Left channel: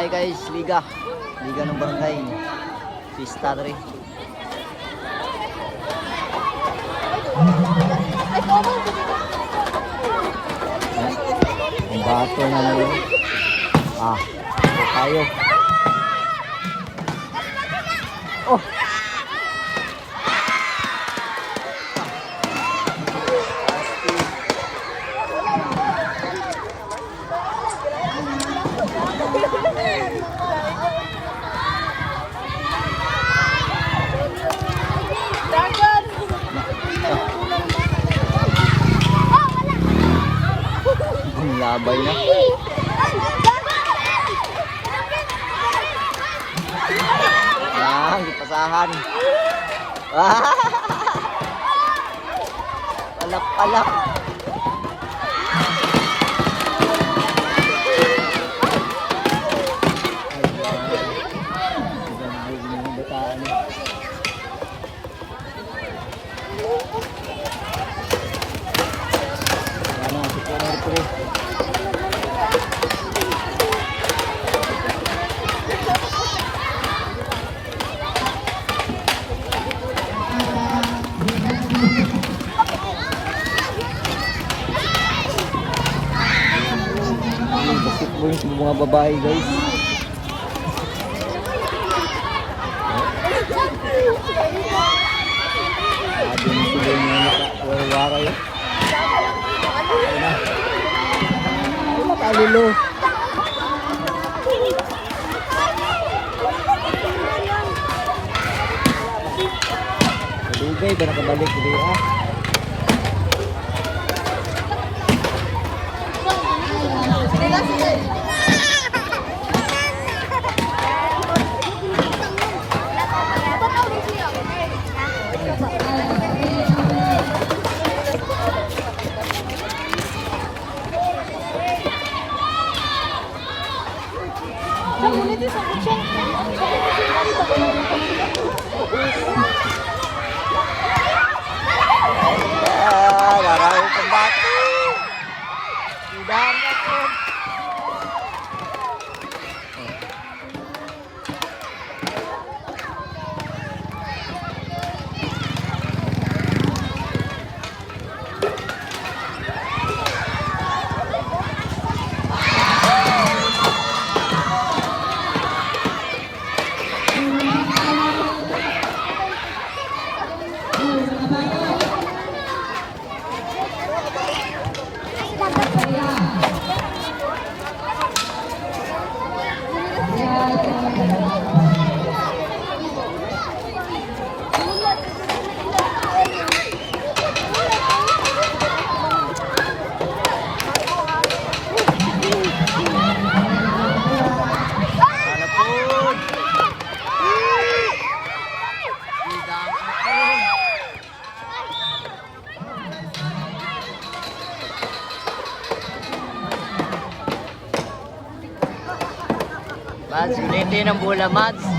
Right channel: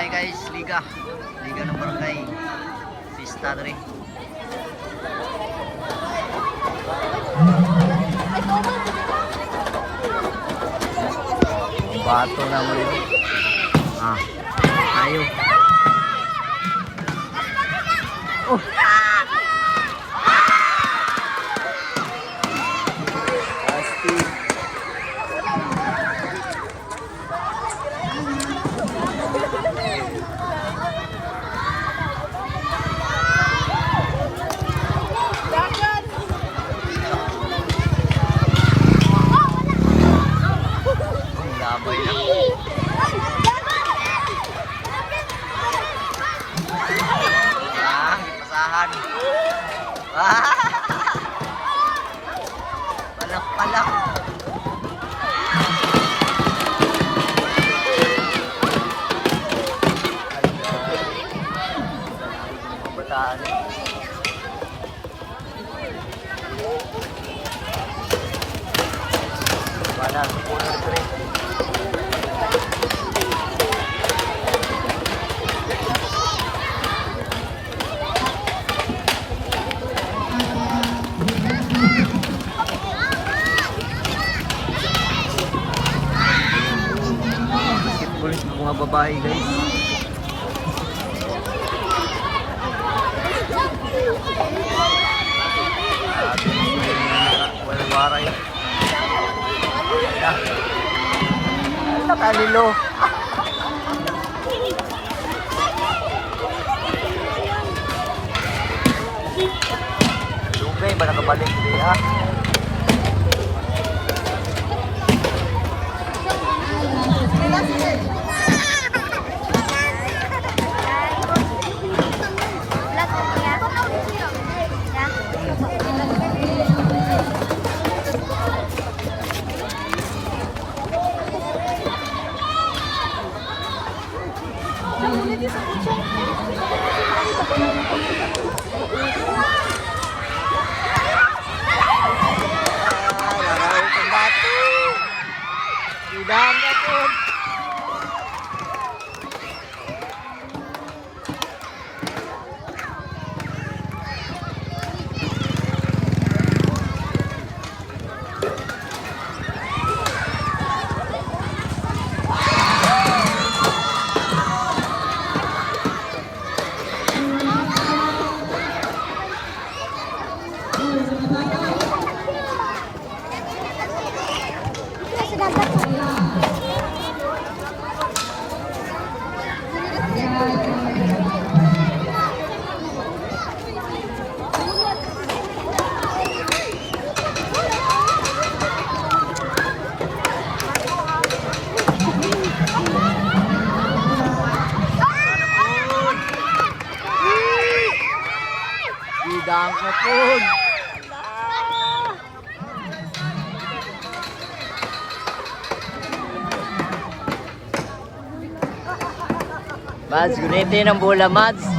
babae guys, liga ng barangay Pista 3. Ang bato na mo yun. Tayo. Oh, pasti. Labay na. Pasahan. Palak. Basketball sa mga babae guys. Waray. Wala ka lilo. Lubay ba nakabalik din Laraw pembato. Bidang kapun. Bidang na po. Mads, gunitin ang bola, Mads.